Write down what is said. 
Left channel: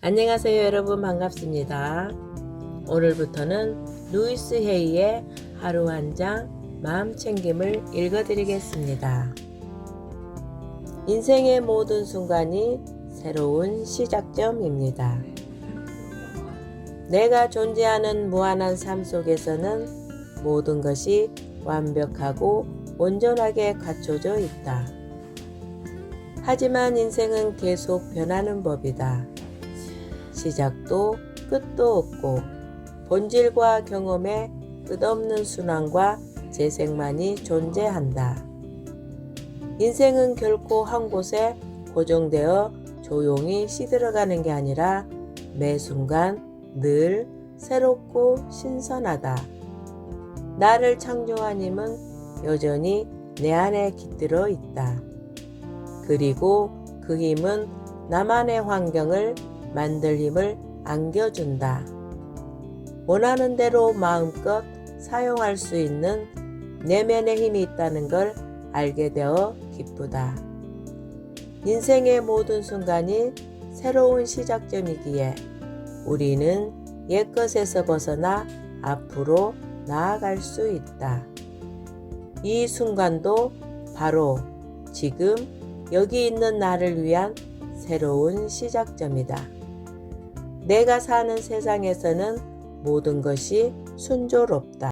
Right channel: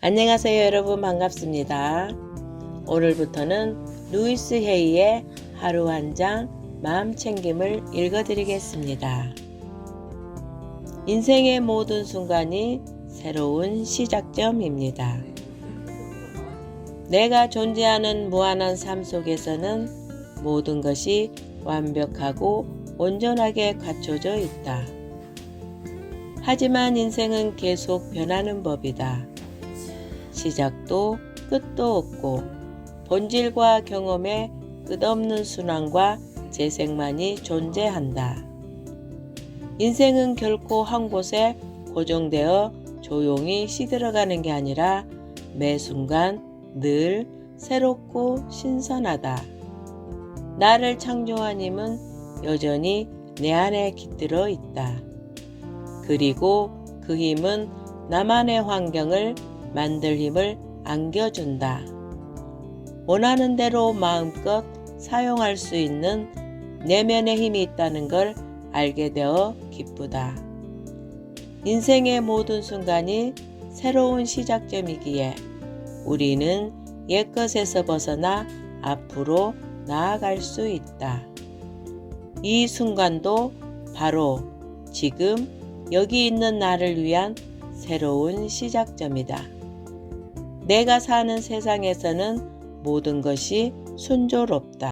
안녕하세요 여러분 반갑습니다. 오늘부터는 루이스 헤이의 하루 한 장 마음 챙김을 읽어드리겠습니다. 인생의 모든 순간이 새로운 시작점입니다. 내가 존재하는 무한한 삶 속에서는 모든 것이 완벽하고 온전하게 갖춰져 있다. 하지만 인생은 계속 변하는 법이다. 시작도 끝도 없고 본질과 경험에 끝없는 순환과 재생만이 존재한다. 인생은 결코 한 곳에 고정되어 조용히 시들어가는 게 아니라 매 순간 늘 새롭고 신선하다. 나를 창조한 힘은 여전히 내 안에 깃들어 있다. 그리고 그 힘은 나만의 환경을 만들 힘을 안겨준다. 원하는 대로 마음껏 사용할 수 있는 내면의 힘이 있다는 걸 알게 되어 기쁘다. 인생의 모든 순간이 새로운 시작점이기에 우리는 옛것에서 벗어나 앞으로 나아갈 수 있다. 이 순간도 바로 지금 여기 있는 나를 위한 새로운 시작점이다. 내가 사는 세상에서는 모든 것이 순조롭다.